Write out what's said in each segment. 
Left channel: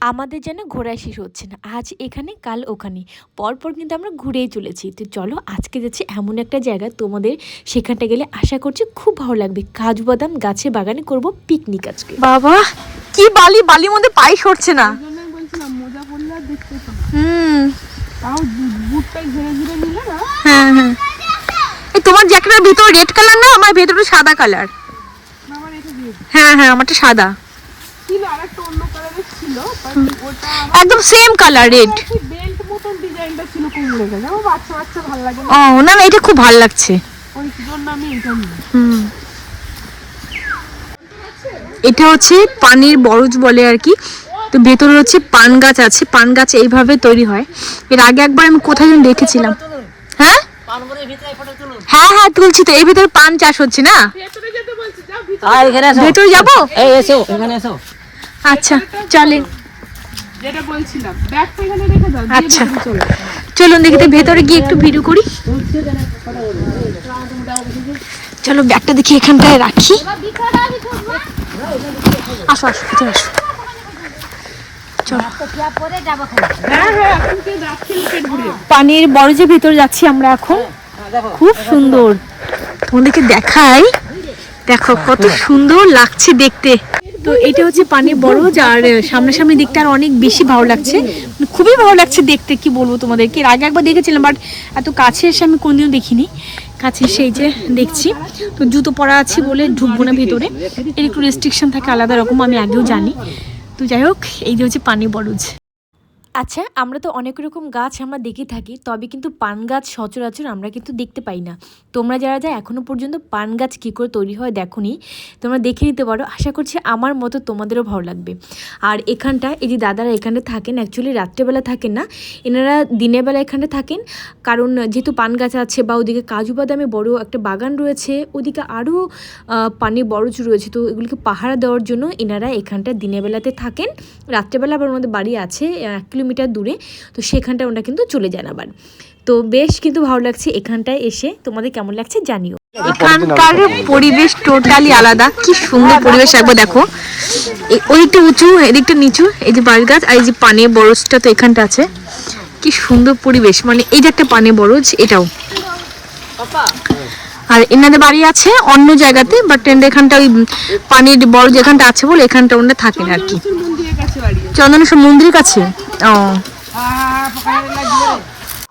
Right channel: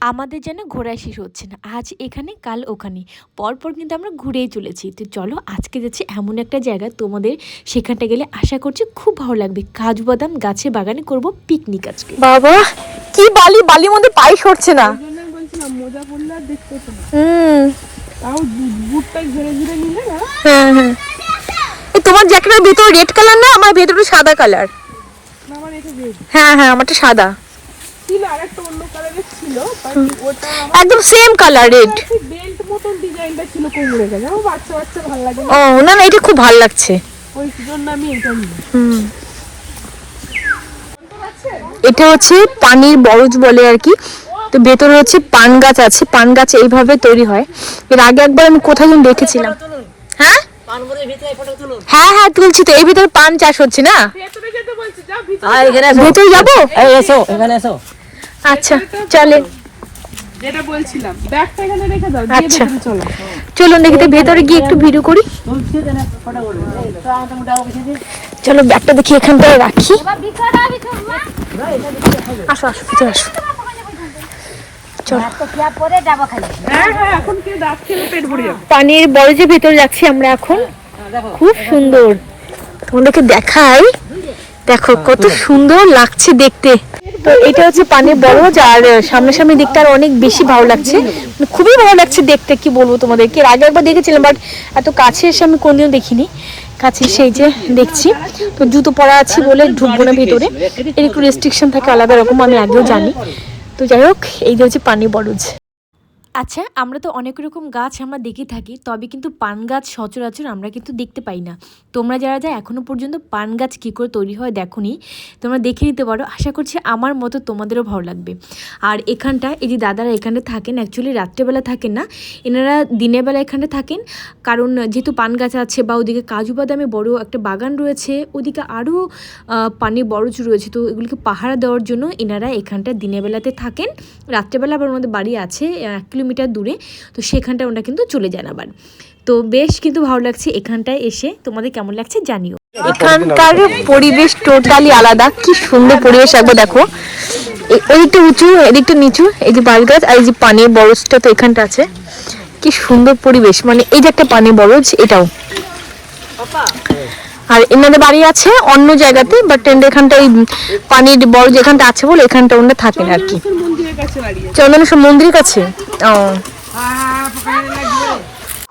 আমাদের যেন ঘোরায় শেষ হচ্ছে না, আজ এখানে কাল ওখানে, পরপর কিন্তু আমরা ঘুরেই চলেছি। তো চলো আজকে যাচ্ছি এমন একটা জায়গা, তোমাদের সেখানটা গেলে আশা করছি খুব ভালো লাগবে। কাজু বাদাম গাছে বাগানে করব পিকনিক আজকে। বাবা কি বালি, বালির মধ্যে পাই সরছে না। হ্যাঁ হ্যাঁ, তোমার জ্যাকেটের ভিতর রেড কালার না, আমার ভেতরে সাদা কালার। হ্যাঁ হ্যাঁ, আমারটা সাদা একদম সেম কালার রেড। ও না না, এটা খুব ভালো লাগছে। এটা হচ্ছে পানির বরজ বলে আর কি। তো ভেতরে হচ্ছে পান গাছ আছে, পান গাছ এইভাবে তৈরি হয়। এর আগে একবার আমি কোথায় যেন দেখেছিলাম। হ্যাঁ হ্যাঁ হ্যাঁ, তুলছি তো। এর ভিতরে পান চাষ হচ্ছে না, ভিতরে যাবো। আচ্ছা চলেন, আচ্ছা চলুন দেখি তো ভেতরে গিয়ে একটু ভিডিও করি। চলো ব্যাগটা দেখি এখানটায় রাখি। আসো আসো, ভিতরে আসো। চলো পানির বরজের ভিতরে যাচ্ছি আমরা এখন। খুব সুন্দর, তোমাদেরকে দেখাই। দেখো কত সুন্দর লাগছে দেখতে। তো এটা হচ্ছে পানির বরজ, আর সামনাসামনি দিকটা আর অনেক বেশি ভালো লাগছে, খুবই ভালো লাগছে দেখতে। কি বলবো তোমাদেরকে, এর আগে একবার দেখেছিলাম বাট এত কাছে এসে আমি কোনদিনও দেখিনি। কাছে সেই যে দেখছি। তো জুতো পরা আছে বলে ঢুকবো না ভিতরে, এর একটু রেস্ট্রিকশন থাকে আলাদা রকম, আমি আগেও জানি। তো যাই হোক, এই যে হচ্ছে পানির বরজ। আচ্ছা, আমরা তো অনেক রকম গাছ আমরা দেখে থাকি, তবে কিন্তু পান গাছ সচরাচর আমরা কিন্তু দেখতে পাই না। তোমরা যারা যা এখনও পর্যন্ত পান গাছ কী করে তৈরি হয় দেখোনি, তোমরা দেখে নিতে পারো। আশা করছি আমার মতো তোমাদেরও ভালো লাগবে। আর এখানটা এই যে দাদারা এখানে থাকেন, অ্যাকচুয়ালি রাত্রেবেলা থাকেন না, এনারা দিনের বেলা এখানে থাকেন। কারণ যেহেতু পান গাছ আছে বা ওদিকে কাজু বাদামে বড় একটা বাগান রয়েছে, ওদিকে আরও পানির বরজ রয়েছে, তো এগুলোকে পাহারা দেওয়ার জন্য এনারা এখানটা দিনের বেলাতে থাকেন। রাত্রেবেলা আবার ওনাদের বাড়ি আছে 1 কিলোমিটার দূরে, তো সেখানটা ওনারা কিন্তু চলে যান আবার। তো বেশ কিন্তু ভালো লাগছে এখানটায় এসে। তোমাদের কেমন লাগছে জানিও। এখানকার পরিবেশ টোটালি আলাদা, কি সুন্দর পরিবেশ। একবার দেখো, ওইটা উঁচু এদিকটা নিচু, এই যে বাঁশ গাছ আর এই যে পানির বরজটা তো এখানটা আছে। কি সুন্দর পরিবেশ, মানে এই যে একটা পানির বরজ এটাও। আর এনাদের বাড়ি আছে অন্য জায়গাতে, বাট এখানটা ওই পানির বরজ এখানটা আছে বলে এখানটা ওনারা থাকেন আর কি। চন্দনেশ্বর মন্দিরের কাছে। ও,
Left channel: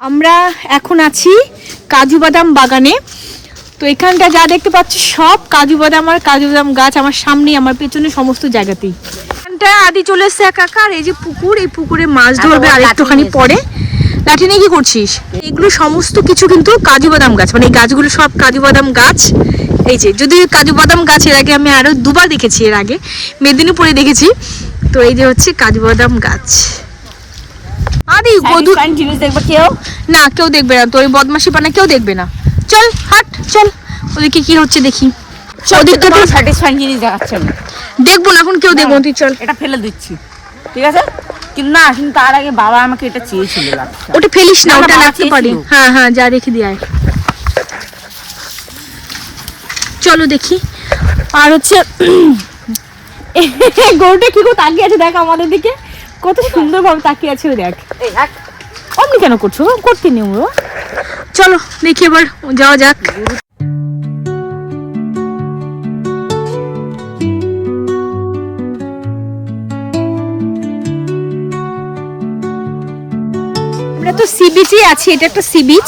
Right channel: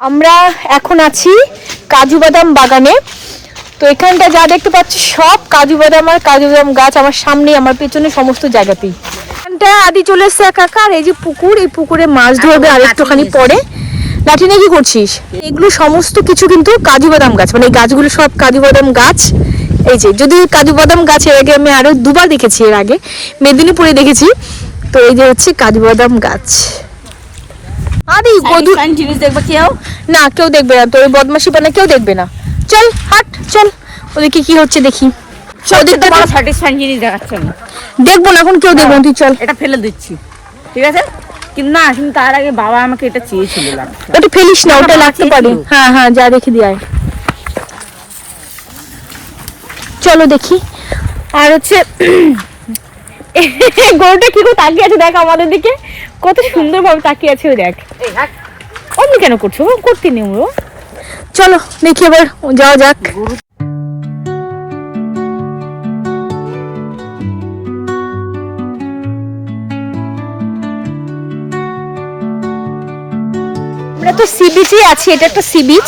আমরা এখন আছি কাজু বাদাম বাগানে। তো এখানটা যা দেখতে পাচ্ছি সব কাজু বাদাম আর কাজু বাদাম গাছ আমার সামনে, আমার পেছনে, সমস্ত জায়গাতেই। এখানটা আদি চলে এসছে একা। আর এই যে পুকুর, এই পুকুরে মাছ ধরবে আর একটুখানি পরে। লাঠি নিয়ে কি করছিস? এগুলো সমস্ত কিছু কিন্তু কাজু বাদাম গাছ, মানে এই গাছগুলো সব কাজু বাদাম গাছ। এই যে যদি কাজু বাদাম গাছ এর আগে আমি আরো 2বার দেখেছি, এর আগে মেদিনীপুরে দেখেছি। তো এই যে হচ্ছে কাজু বাদাম গাছ। আরে জিনিস দেখবে কেউ না, কেউ দেখবে না, তোর বদমাশি পানা কেউ দেখবে না। চল হাট, চল ওদিকে কি হচ্ছে দেখি। ওদিকটা তো স্যাটিসফাইং জিনিস দেখাচ্ছে না, দেখবো না এখন, কেউ দেখবো। তুই চল, এটা ফেলে দিচ্ছি, ঠিক আছে? কিন্তু না, কিন্তু তার আগে বাবা আমাকে এটা চেয়েছিল। ওটা ফেলিস না, ওটা লাগতে পারে। হ্যাঁ হ্যাঁ, যা রেখে দিয়ে আয়। চলো দেখি। আর হচ্ছে গরুটা কি করে তাকিয়ে আছে দেখ আমাদের দিকে, কত সুন্দর ভাবে তাকিয়ে আছে। ওই দেখ, অমনি কেন করছো? করতে নেই। চলো দেখি এবার যাওয়া যাক। আমরা তো সি বিচে আছি, এটা একটা সি বিচ।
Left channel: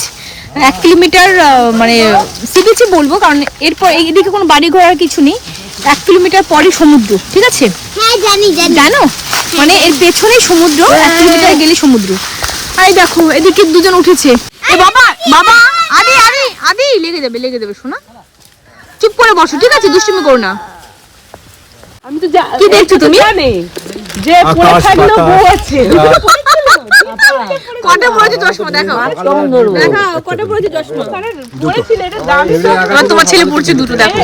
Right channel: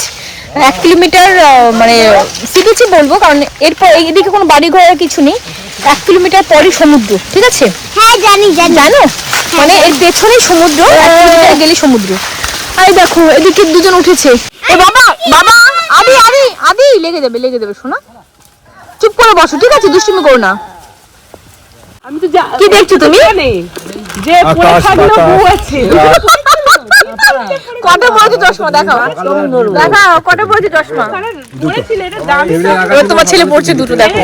1 কিলোমিটার মানে সি বিচই বলবো, কারণ এরপর এইদিকে কোনো বাড়ি ঘর কিছু নেই। 1 কিলোমিটার পরই সমুদ্র, ঠিক আছে? হ্যাঁ জানি। জানো, মানে এর পেছনেই সমুদ্র, 1 কিলোমিটার গেলে সমুদ্র। আরে দেখো এদিকে দুজন উঠেছে। এ বাবা, বাবা, আদি আদি আদি, লেগে যাবে শোনা। চুপ করে বসো, ঠিক আছে? দুষ্টুমি করো না। আমি তো কি দেখছো তুমি? যে পোশাকগুলো বউ আছে। কত বড় চশমা দেখাও, দেখাও কত বড় চশমা। এবার তোমার ছেলে পড়ছে দুটো, দেখো।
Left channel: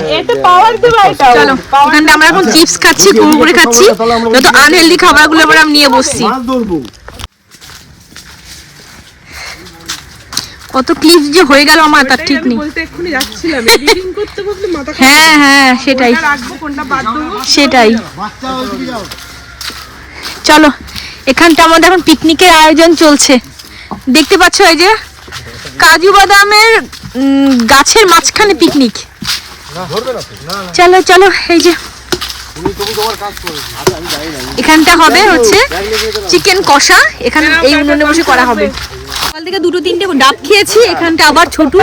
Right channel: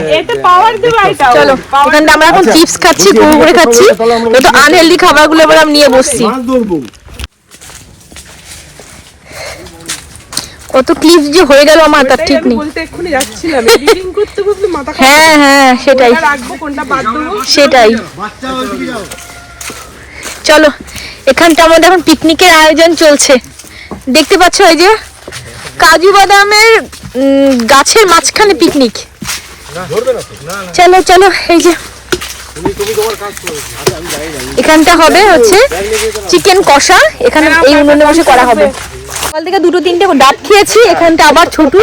চলো এখানটা আমরা এখন চিপস খাচ্ছি, কুরকুরে খাচ্ছি, যত আনহেলদি খাবারগুলো এবার আমি নিয়ে বসছি। কত ক্লিপ যে হয়ে গেল আমার, তার ঠিক নেই। হ্যাঁ হ্যাঁ, সেটাই। চলো এখানটা আমাদের এখন পিকনিকের আয়োজন চলছে, দেখতে পাচ্ছ এই যে কাজু বাদামের গাছের মাঝখানে পিকনিক। চলো চলো, এই যে এখানটা হবে হচ্ছে চিকেন কষা, এখানে এই উনুনে বসে করা হবে। সকাল থেকে 2-3টে ডাব খেয়েছি, এখানটা আবার ছোটু।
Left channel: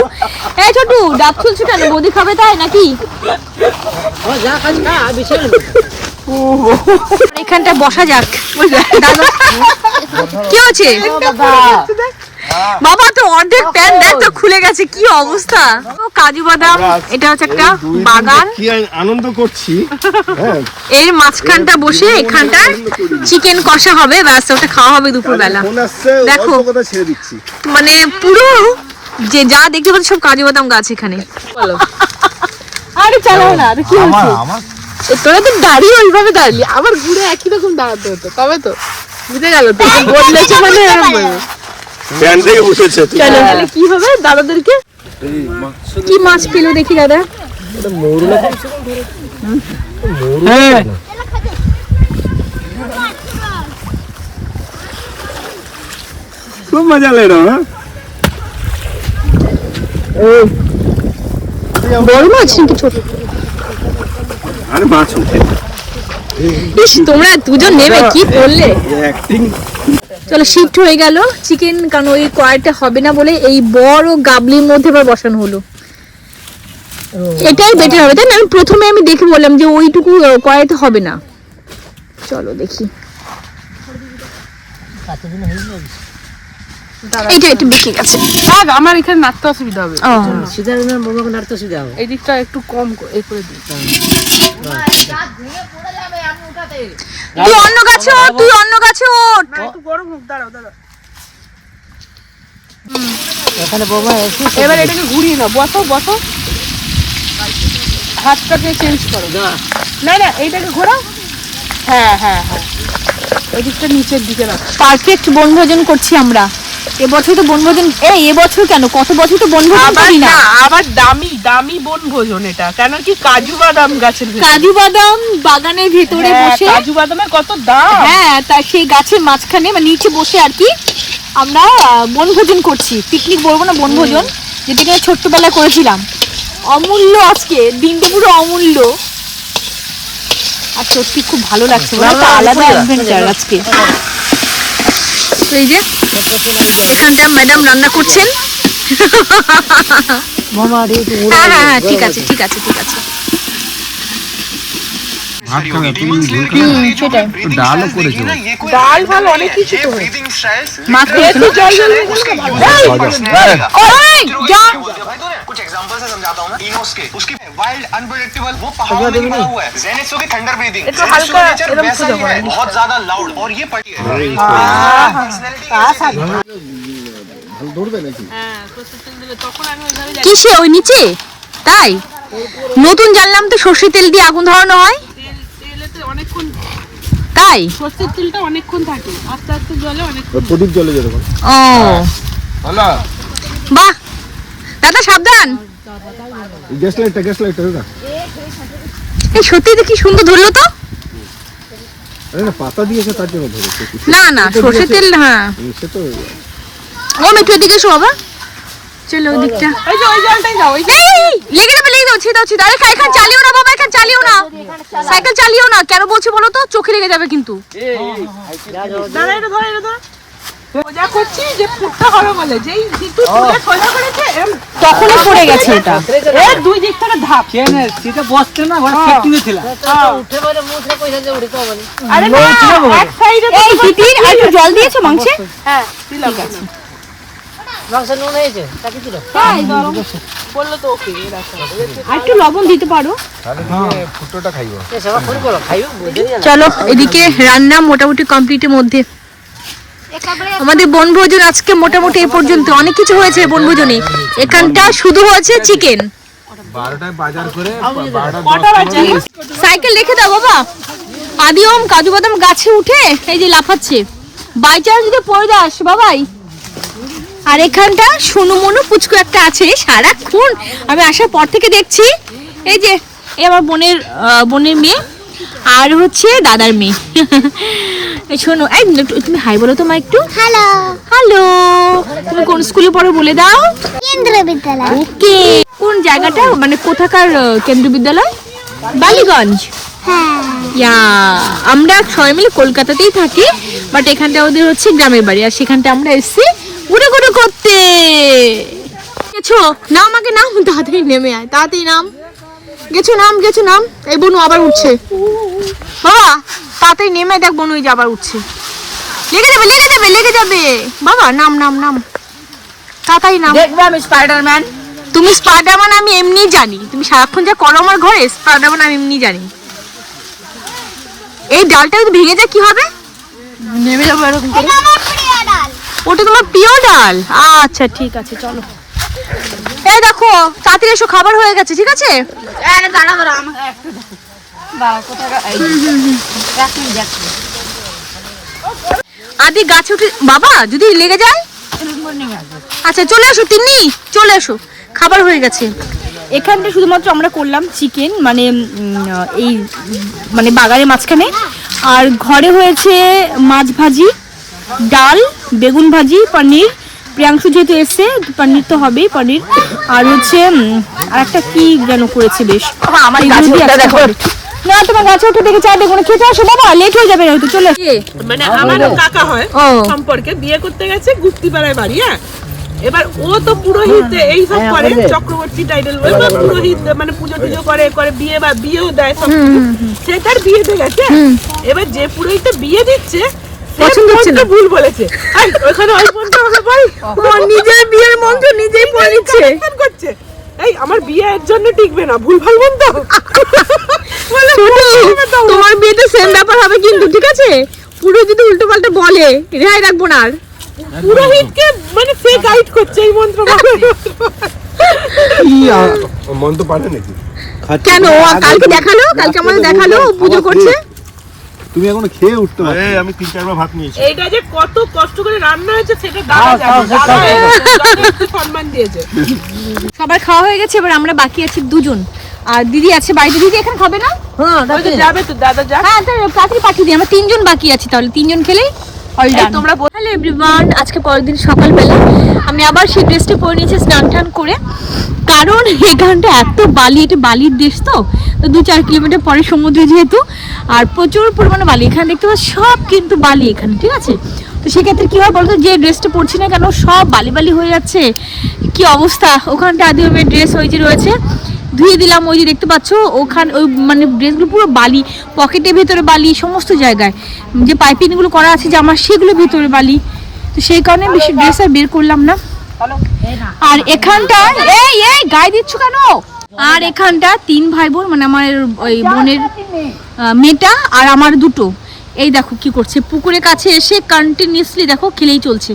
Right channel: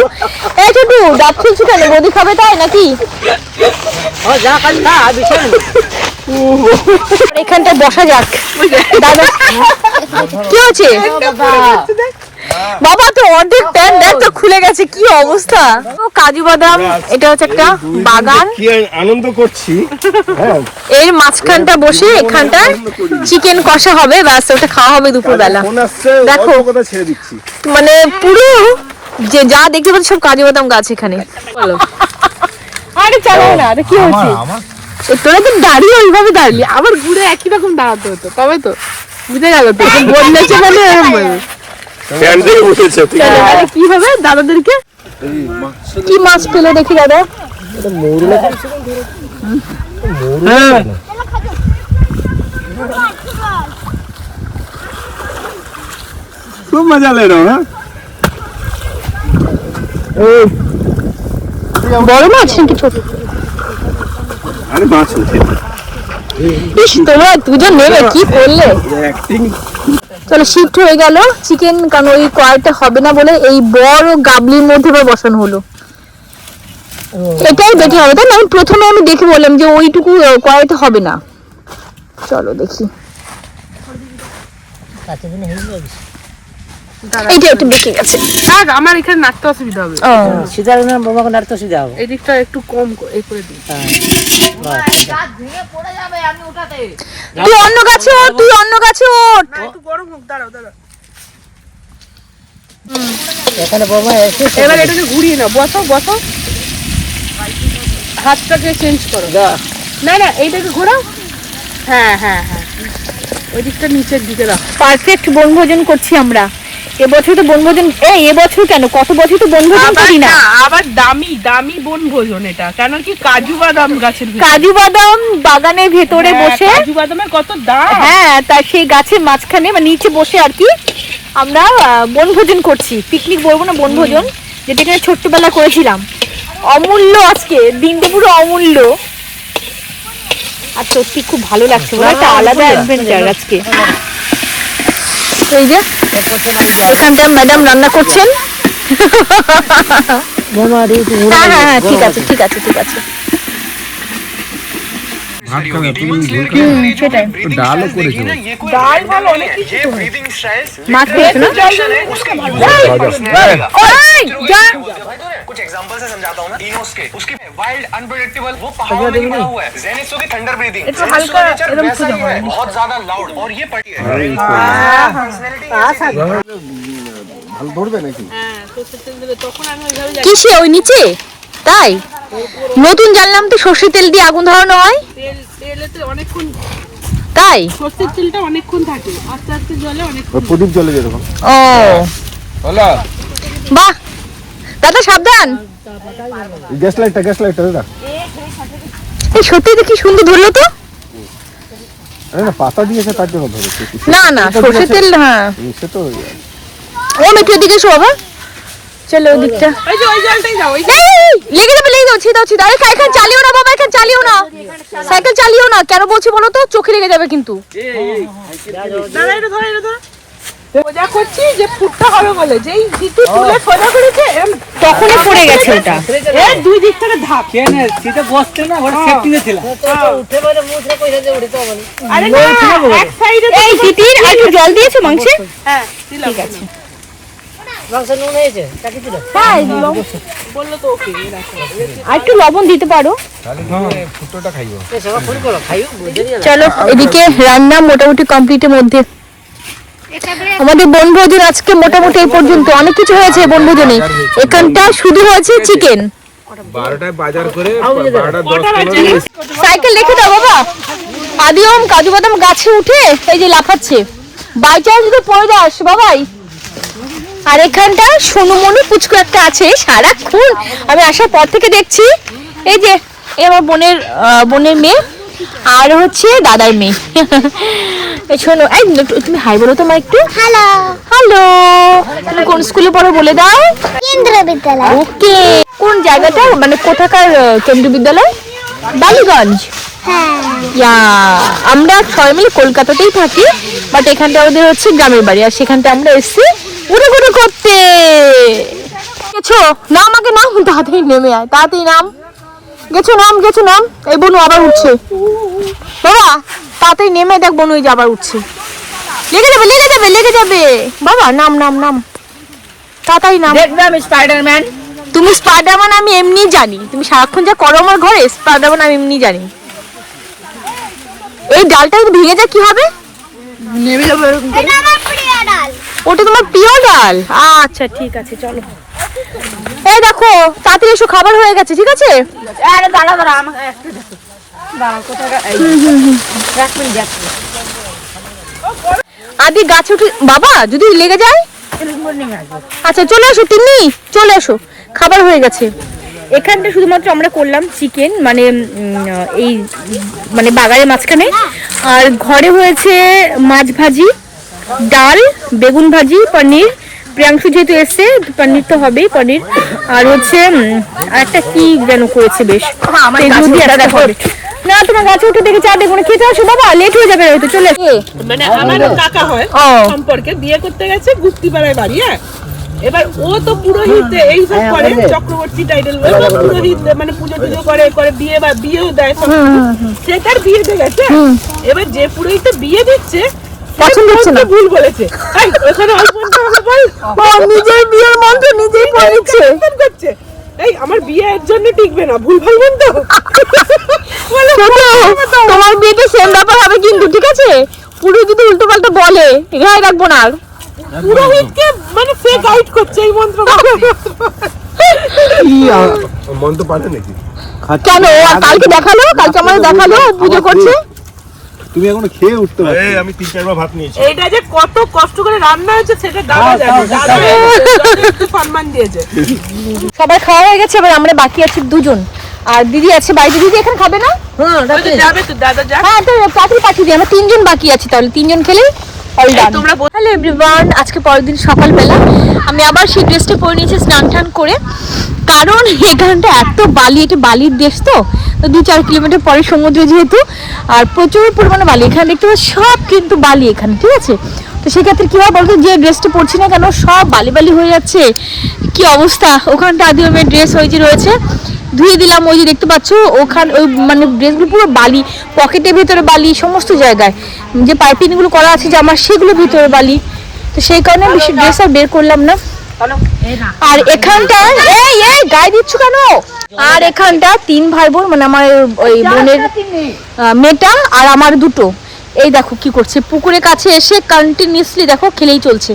এই ছোটু, ডাব খেয়েছি কেন? বৌদি খাবে তাই নাকি? এখানটা বসা যাক। দাদা কি হচ্ছে বাবা? তো অর্ধেক প্যান্ট দেখ তো খুলে গেছে, কি অবস্থা। কাজু বাদাম, এটা হচ্ছে একটা বাগান, কি আনন্দ করছি। এর মাঝখানটা বসে এখানটা চিকেন কষা হবে, ব্যাস ওটা খাওয়া হবে দুপুর বেলা। দেখো মানে পুরো যে যা দেখতে পাচ্ছি সব কাজু বাদাম গাছ এখানে। আরে চলো না, কি হচ্ছে? দাঁড়িয়ে এইভাবে দাঁড়িয়ে আবার ঘুরে একই রকম দাঁড়াতে হতো, তবে তো বুঝে গেল তো কি হবে দাদাদেরকে। কি মাছ পেলো দেখি দাদা? খুব মজা ले रहा हूँ। বড় মাছ নাকি ছোট? আরে মাছ উঠে। ইস, তোমরা দুজন নেমে কি করলে? অ্যাক্টিং। চলো শিফট হয়ে গেল চিকেন, কারণ ওই কড়াইটা হবে না বলে এই বড় গাবলির মধ্যে আবার বসানো হলো। এটাই বেটার হবে তাই না? প্রথমে আমি দেখে বললাম যে ওইটুকু কড়াইতে হবে না। চলো দেখি, এইটা একটু বেঁকে গেছে। আমার এখানে নাড়তে অসুবিধা হবে, ও, এই দিকটা একটু কম এই করে দিই। তুই অন্য গাছে ওঠ, তুই অন্য গাছে ওঠ। একটু গরম হোক, দাঁড়াও দাঁড়াও। এখানে বৌমা এসে এবার এটাকে ঘুরিয়ে না, বসো বসো, হাতটাকে চেঞ্জ করো। না না, এইটাকে ঘোরাও। হ্যাঁ হ্যাঁ হ্যাঁ, ওই দিকটা নিচের দিকে রাখ। পারফেক্ট বনভোজন করছি আমরা এবছর। তো বনভোজন এবছর কেন, কত বছর তো বনভোজন করি না। আবার দামি দামি বনভোজন এটা, কেন কি কাজু বাদাম গাছের ভিতরে। কাজু বাদাম বাগানের ভেতরে বসে, কাজু বাদামের কত দাম। হ্যাঁ, তা সেই গাছের মাঝখানে মানে নিচে বসে আর কি আমরা বনভোজন করছি। পিকনিক বলবো না, বনভোজন, যেটা কিনা ছোট্টবেলা করেছিলাম। অমূল্য আজকে দিনটা, পুরো অমূল্য। আর সত্যি খুব ভালো লাগছে, বলে একটা আলাদা অ্যাডভেঞ্চার আজকে। তো এই যে এখানটা ম্যাডাম রান্না করছেন। বৌমা হ্যাঁ হ্যাঁ হ্যাঁ, ঠিক আছে ঠিক আছে ঠিক আছে। সেটাই ডালও করেছে। ডাল ভালো অনেক কিছু তো। মাছ খেয়েছো না? এই, যা। कुछ एग्जांपल से समझाता हूं मैं। इनोस के उसकी वाइल्ड अनप्रेडिक्टेबल, वो पहाड़ों में पड़ा हुआ है। जेनित्सो की थंडर ब्रीदिंग, जेनित्सो का नेचर वैसा ही है, बहुत ज्यादा लाउड, और ये पड़ी है ভালো ধরবে নাকি? হ্যাঁ, সরষের তেল দিলে তখন আমি ওইভাবে যাই। কিসে ওই নিচে? তাই নতুন জানলাম তো সর্ষের তেল দিয়ে আগুন ধরানো হয়। তেলেতে অনেকক্ষণ, তাই? সরষের তেলটা অনেকক্ষণ থাকে, আস্তে আস্তে জলে অনেকক্ষণ। ওই প্রদীপ জ্বলে যেরকম। ও হলো। বাহ, দাদা সাবধান। গ্যাস লাইটটা দাদা। এই সত্যি তো কি সুন্দর ধরলো তো। আরে না, পাতা দিয়েছে তার জন্য ধরেছে। না না, সর্ষের তেল, হ্যাঁ। সে তো ও একটু এদিকে এসো বাবা। চলো ওদিকটা। এই যে ওই জলটাই যাও, ওই লেগে যাবে, লেগে যাও, ছিদাও ছিদাও। আরে এখানে চালিও না বাবা, এখানে চালিও না, সাইকেল চালিও না। কেন বলছি বলো তো? চোখে লেগে যাবে কিন্তু। দাঁড়া, এটা ধরে, এটা ধরে। সোজা করছি যে ফুটটা হবে বলে, যেই দিকে তুলে সোজা করেছে তখনই পড়ে গেছে ওটা। এর দুই দিক থেকে ধাপ। কেন সেটা বসতে না, ওরা সেফটি নে ছিল। উঠে পড়ে মুখে কইরা যে উড়িতে হবে। আরে না, এক সাইডে। এই তিতির, আর একটু জল দিয়েছো মাংসে? হ্যাঁ, ঠিক আছে। মাংস নুন হয়েছে তা কিছু না। হ্যাঁ, বললো তো ওকে রাখো। আর একটু লবণ দিতে পারো। ফুটোটা খাইও। সেবা শুরু করো, খাইও। চলো, এদিকে রান্না মোটামুটি কমপ্লিটের মধ্যে। আমাদের বনভোজন আজকে মোটামুটি এই পর্যন্ত। অনেক কিছু হয়েছে বনভোজনে। এখানটা শুধু হয়েছে চিকেন। 12টায় বাজার করে 12:10 সাইকেল রেখে দাও বাবা। আদিওম কাজু বাদাম গাছে উঠে এই যে লাফাচ্ছে। বাই চান্স যদি পড়ে যাস বাবাই। আর এখানটা সোনু মনু পুচকু একটা আছে, সারাক্ষণ আমি আসার পর থেকে দেখছি। এই যে এই আমার বোনের মেয়ে, আর হচ্ছে দাদার মেয়ে। এই শোনো, এই তুমি হাই বলো তো মা একটু। Hello hello. তুমি কোন স্কুলে পড়ো বলে দাও। কেন্দ্রীয় বিদ্যালয়। ওকে, কোন জায়গাটা মানে কোথাকার কেন্দ্রীয় বিদ্যালয়? বালিগঞ্জ। ইয়া, আমরা সবাই মিলে কলকাতাতেই থাকি, বাট এখানটা আমাদের হচ্ছে গ্রামের বাড়ি, আর সেখানটা আমরা এসেছি উড়ে ঘুরে করতে। গেছো নাম, আগে নাম, তাড়াতাড়ি নেমে আয়, তাড়াতাড়ি নাম। গেছো নাম, গেছো নাম। এই বনু আবার উঠছে, বাবা তাড়াতাড়ি নেমে দেখ, বনু এই যে আবার উঠছে। লেগে যাবে লেগে যাবে লেগে যাবে, বাবা নাম নাম নাম, তাড়াতাড়ি নাম। দেখবে আমি স্পাইডারম্যান। তুমি স্পাইডারম্যান আমি এমনি জানি, তুমি সারাক্ষণ যা করো আমার ঘরে, স্পাইডারম্যান আমি এমনি জানি। এই ডালটা যদি ভেঙে যায় কি হবে? নেমে যাবো এরকম করে। এটা আমার প্রিয় ডাল। ওটা তোমার প্রিয় ডাল? আচ্ছা ঠিক আছে, চলো। এই দেখো তাড়াতাড়ি এসো, খাবার হয়ে গেছে, ঠিক আছে? আরে দাঁড়া দাঁড়া, আমাকে একটু দেখো। বাবা কোথায় এই রাখবেন দেখো। আদি গাছে উঠে, বাবা যদি লেগে যায়। এরকম করে নেমে আসবো। আচ্ছা চলে এসো তিন্নি, চলে এসো, খাবার হয়ে গেছে। এখানটা শুধুমাত্র আমরা করলাম চিকেন, মানে এই মানে বাগানের মাঝখানে, আর ঘরে হয়েছে মাছ ভাজি, ডাল, বেগুন ভাজি, পনির। প্রিয়াংশু যেহেতু এসছে, পনির তো হবেই, পনির। আর হচ্ছে আর একটা কি যেন করেছে বেশ, এগুলো দিয়ে একটা হবে। না তোমার গাছে উঠে দেখে চা বেগুন খেতে আসো বাবা, লেট হয়ে যাবে, হয়তো চলে এসে। মানে আমার কাকা হয় ও সম্পর্কে, বিয়ে করতে গেছে গুপ্তিপাড়ায় বাড়ি। হ্যাঁ, এবার ও তো পুরোহিত এইসব করে, চক্রবর্তী টাইটেল, পুরোহিত মানে পুজো টুজো করে করে বিয়ে বা বিয়েও দেয় সব। সে তার বিয়েতে গেছে, এবার যে পুরোহিত বিয়ে দিচ্ছে পছন্দ হচ্ছে না, ভুল বলেছে। এই, ওখানে ওই মন্ত্র আমাকে বল। ও নিজের বিয়ের মন্ত্র নিজেই পড়ে নিচ্ছে। কেন করছে? এই আমার বিয়ে এর জন্য টিকবে না, ভুল ভাল মন্ত্র বলে। তোমার বিয়েতে সেম ব্যাপার হবে কিন্তু, ঠিক আছে? পুরো যদি উল্টো পাল্টা বলে, রেহাই রাখবো না আর। পুরোহিতকে মানে ফেক গাইড করছে এই মন্ত্র। কি মন তো পারে নাকি? কেন? আর কালকে দেখালো, কালকে আমাদের দেখালো পুজো করছে। তুমি এখনো খেয়ে উঠতে পারছো? এই আমি 3-4 বার ভাত নিয়েছি। এইটা যে কত কষ্ট করে রান্না হয়েছে সেটা দাদা জানে, দাদা একটু সম্মান দিয়েছে। সবার খাওয়া হয়ে গেছে, এবার আমরা বাকি আছি দুজন, আর দিদি আছে বাড়িতে। দিদি এখন খাবে না? হ্যাঁ ওই যে যাবে তো দাদা যা। হ্যাঁ তো তাড়াতাড়ি পাঠিয়ে দিই, আমরা তিনজন বাকি আছি, তাহলে তিনজন খেলেই অল ডান। হ্যালো এভরিওয়ান, আজকে পরের দিন সকালবেলা আমি আবার সেই ড্রেসটা পরে নিয়েছি স্নান টান করে, কারণ এখানটা এত বালি, এটা বালির দেশ তো 2-4 কিলোমিটার পরে সমুদ্র যেহেতু, আর প্রচুর পরিমাণে বালি এখানে দেখতে পাচ্ছি, সব কিন্তু বালি এখানে, ঠিক আছে? তো সেক্ষেত্রে কী হয় বলতো, যে ড্রেসটা পরছি না কেন সব বালি বালি হয়ে যাচ্ছে, কি অবস্থা। ওখানটা আদি ওই ড্রেস ওই যে রয়েছে, ধুয়ে দিলাম, ওই যে দেখতে পাচ্ছ ওখানে ওই মানে ড্রেসগুলো পুরো বালি, পকেটের ভেতরে বালি, সমস্ত জায়গায় যে পাইপিংগুলো করা আছে যে আমার, সেগুলো ভেতরে বালি। তো সেই কারণে বেশি ড্রেস আর বের করলাম না। আর এখানটা এই এই গায়ে দিচ্ছ কেন? আর এখানটা 3 ভাই বোন, মানে আমার ওই বোনের মেয়েটা আর আমার দুটো, এই দেখো কি করছে, পুকুরের কাছে এসে কন্টিনিউসলি দেখো খেলেই চলছে।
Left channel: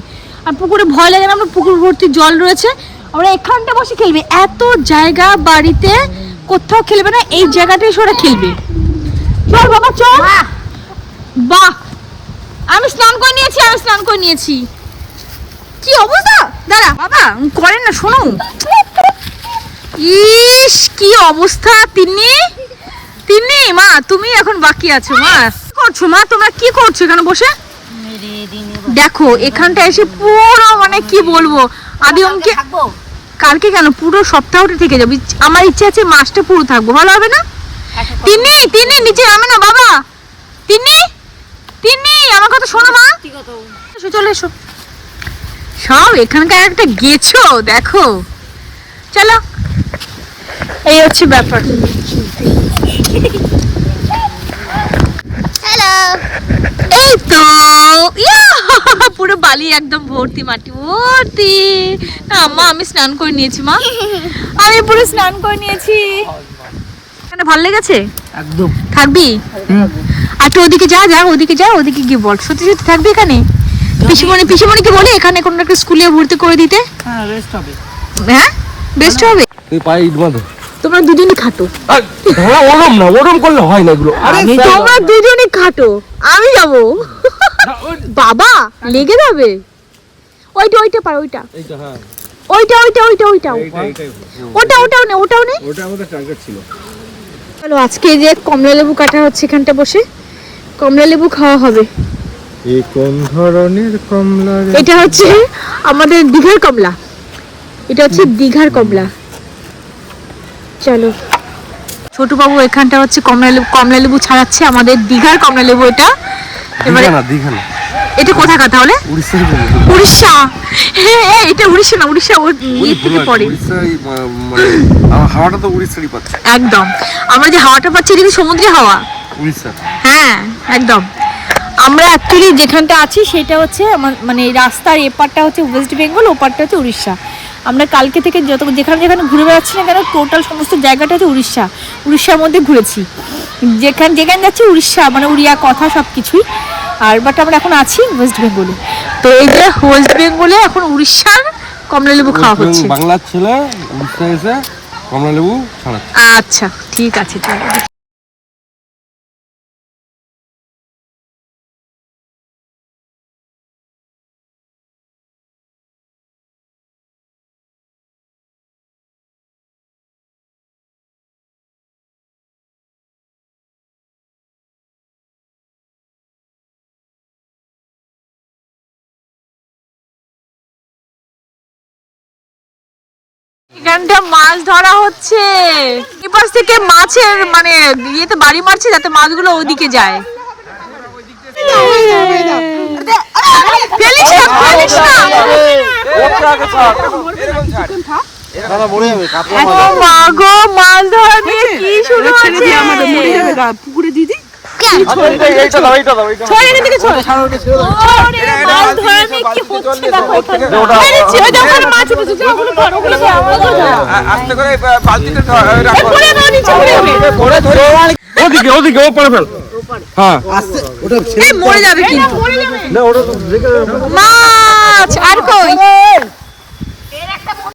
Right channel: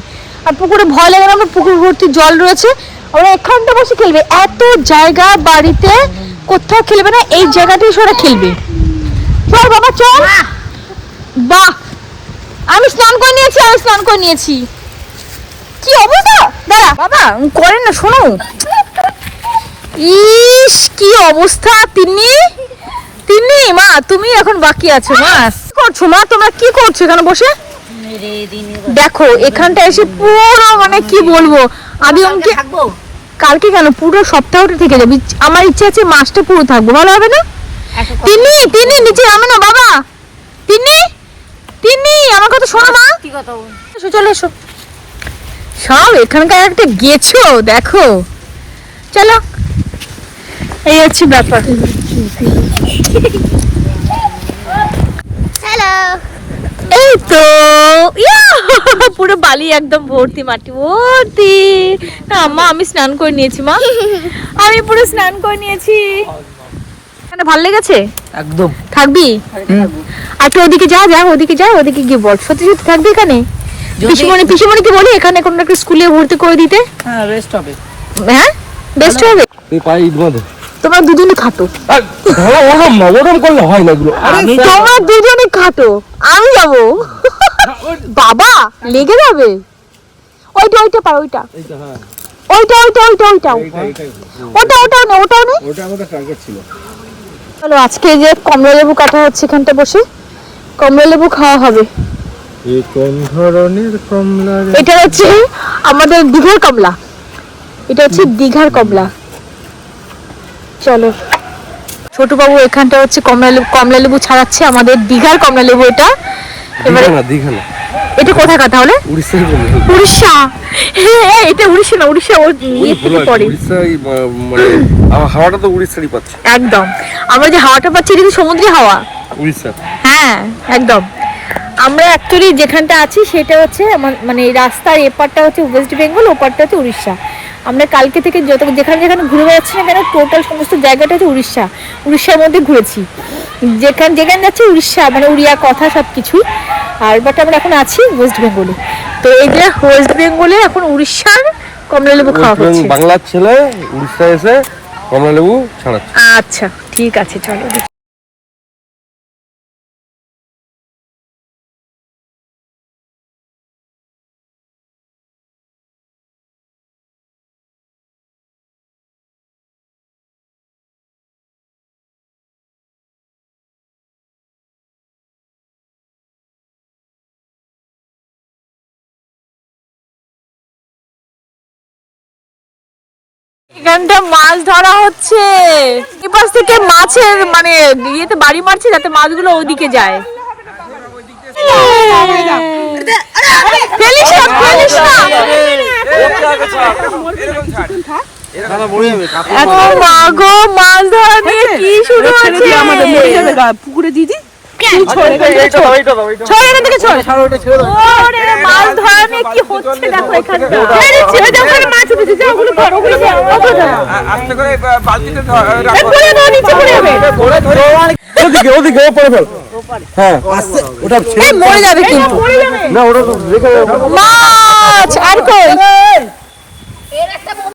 আর পুকুরে ভয় লাগে না, আমার পুকুর ভর্তি জল রয়েছে, ওরা এখানটা বসে খেলবে। এত জায়গা বাড়িতে কোথাও খেলবে না, এই জায়গাটাই ওরা খেলবে। চল বাবা চল। বাহ, আমি স্নান করে নিয়েছি, আমি স্নান করে নিয়েছি। কি অবস্থা, দাঁড়া বাবা করেন না, শোনো। ইস কি অবস্থা। তিন্নি তিন্নি মা, তুমি এখন বাকি আছো। মা কি করছো? মা তোমরা কি করছো এখানে বসে? দেখো এখানটা এসে পুরো মানে কি বলবো, আদি অঙ্কে কালকে কেন পুরো সপ্তাহটা থেকে যাবে। আমার ইচ্ছে আছে মাসটা পুরো থাকবো, ভালো হবে না? তিন্নি তিন্নি নিচে নামে না বাবা। তিন্নি তিন্নি আমার কথা শোনো মা, এসো চলে এসো। সব এখানকার একটা গেছো দেখো, চলো। এই হচ্ছে ব্যাপার। হ্যালো। এই তো পুরো বালি একদম ভর্তি, মাটি ভর্তি। না মা আমি স্নান করে নিয়েছি, মা আমি পুরো স্নান করে নিয়েছি। এখানে ভালো লেগেছে একদম। থাকবি? আর একটু ওদিকে যা, যা ওদিকে যা, ওদিকে গিয়ে বল সত্যি সত্যি থাকবি এখানে? পিসিমণিকে বলি এখানে কোনো একটা স্কুলে ভর্তি করে দিতে। হ্যাঁ বেস্ট হবে। হ্যাঁ বেস্ট হবে। তুই পায়ে ইট বাঁধো। তোমরা দুজনই খাটো। ওরম না, ওরম করলে হয় না এগুলো। তোমরা দুজনই খাটো, আমি যাব। বাবা লেগে যাবে। ওইটা ওইটা পার, ওইটা এইটা, হ্যাঁ ওইটা ওইটা ওইটা ওইটাও এইটা ওটাও নে, ওটাও নে। ওটা আমাদের টার্গেট ছিল। চলো আজকে এই যে কমলা লেবু কাটা হচ্ছে, এখানটা বসে কমলা লেবু খাওয়া হবে। এই কোন ধরনের কমলা রে? এটা হচ্ছে আমাদের দীঘার কমলা, এটা হচ্ছে দীঘার কমলা। চলো ছোট বাবু এখানটা হচ্ছে কমলা লেবু ছাড়াচ্ছে, আমাদের দীঘার কমলা লেবু এটা। এবারে দীঘা না, এটা কোথায় কথা হলে? উড়িষ্যার কমলা। উড়িষ্যা, হ্যাঁ এটা উড়িষ্যা না, উড়িষ্যা ওর ইয়ে থেকে পড়ে। উড়িষ্যাই মানে আমার হাওয়াটা তো উড়িষ্যারই পাচ্ছে। একদম, আমরা যে হাওয়াটা পাচ্ছি এটা কি সমুদ্রে হাওয়া? উড়িষ্যা। হ্যাঁ একদম। আমরা অ্যাকচুয়ালি যেখানটা আছি সেটা হচ্ছে মানে রাস্তার এপারটা হচ্ছে ওয়েস্ট বেঙ্গল, ওপারটা হচ্ছে উড়িষ্যা। আমরা কালকে থেকে যেখানে যেখানে ঘুরে বেড়াচ্ছি না কেন, টোটাল সমস্ত জায়গাটা হচ্ছে উড়িষ্যার মধ্যে ঘুরেছি। যেখানে যাচ্ছি উড়িষ্যা, মানে উড়িয়া কথা সব কিছুই। আর বাট আমরা এখন আছি ওয়েস্ট বেঙ্গলে। তো এই যে ওয়েস্ট বেঙ্গলে এখন উড়িষ্যার কমলা লেবু খাওয়া হচ্ছে। বাংলার ছেলে উড়িষ্যা এসে কমলা লেবু ছাড়াচ্ছে। আচ্ছা ঠিক আছে, চলো। এখানটা মাছ ধরা হচ্ছে, এপাশ থেকে মাছের মানে ইয়েতে বাড়ি মারছে যাতে মাছগুলো ওইদিকে যায়। ফেলিস না, ফেলিস না। এত মাগো মাছ ধরা নিয়ে কি শুরু হচ্ছে? পুকুরে দিদি ওরে মাছ ধরা নিয়ে কি হচ্ছে দেখো এখানটা। মাছ উঠেছে, যাও ওগুলো ধরো, ওগুলো ধরো। ওদিকে ওদিকে ও পড়ে ফেল। হ্যাঁ আস্তে, ওটা মরে যাবে কিন্তু। মাছ আর কই?